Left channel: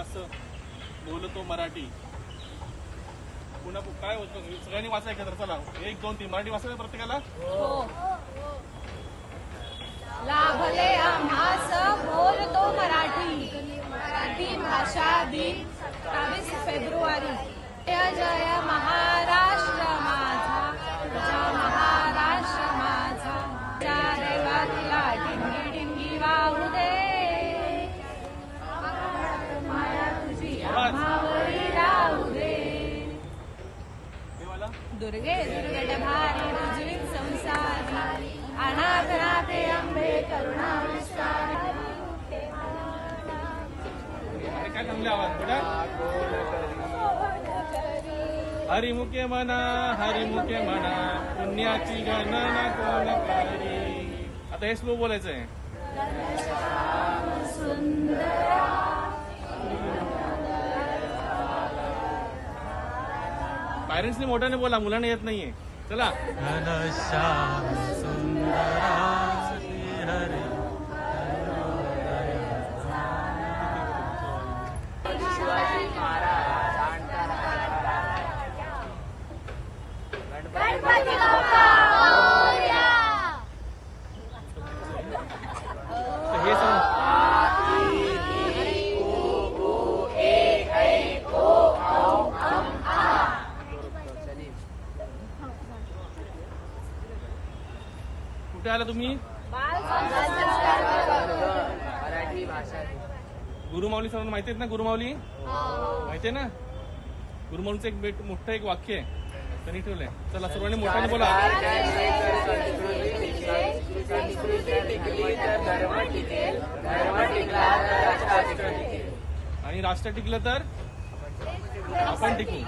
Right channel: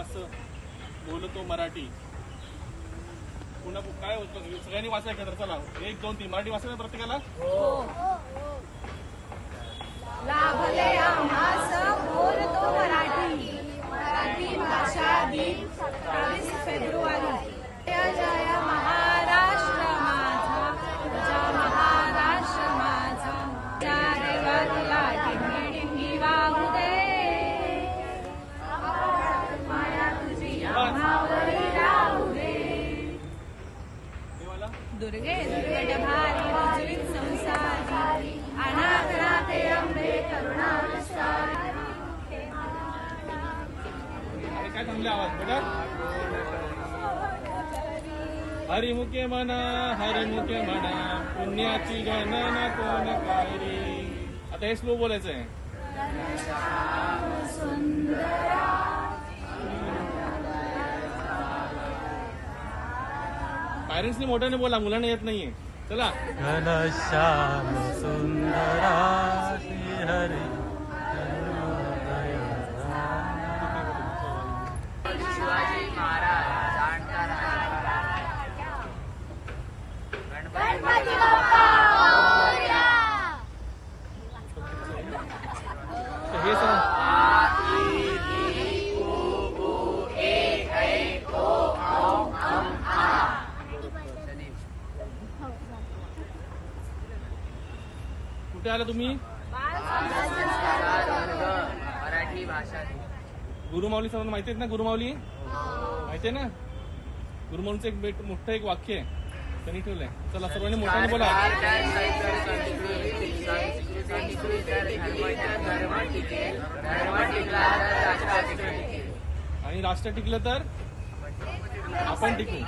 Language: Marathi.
मास बोलतो मराठी. पुन्हा काय होतं सगळ्यांनी वाचा एकत्र. चला 1 2 3 मराठी वाचायला प्रत्येकाला. लाभले आम्हास बोलतो मराठी. मराठी भाषा दिन 22 फेब्रुवारी. जय जय महाराष्ट्र माझा, तुझा महाराष्ट्र माझा. त्या देवाला टिंगी टिंगी वाहू दे. माया तुझी आम्हावरी राहू दे. दुर्गे दुर्गट भारी रुजवीन संसारी. अनाथनाथे अंबे करुणा विस्तारी. अरे काय चांगले आवाज बोला. हरिमुखे म्हणा पुण्याची गणना कोण करी. आता हे स्लो बोलायचंय. पॅरेंट्सनी मोठ्याने बोला, मुलांना येत नाहीये. चला. घनश्याम सुंदरा श्रीहरी गणपती बाप्पा मोरया. हे सांग. कुठे आला तुम्ही. गुरुमाऊली सर्वांना माहिती आहेत ना. गुरुमाऊली माहिती आहे ना. गुरुमाऊलीचं एक मोठं एक वाक्य आहे त्यांनी ठेवलंय. चला सर्वांनी मोठ्याने बोला. आणि राष्ट्र टिकलं तर आपण टिकू.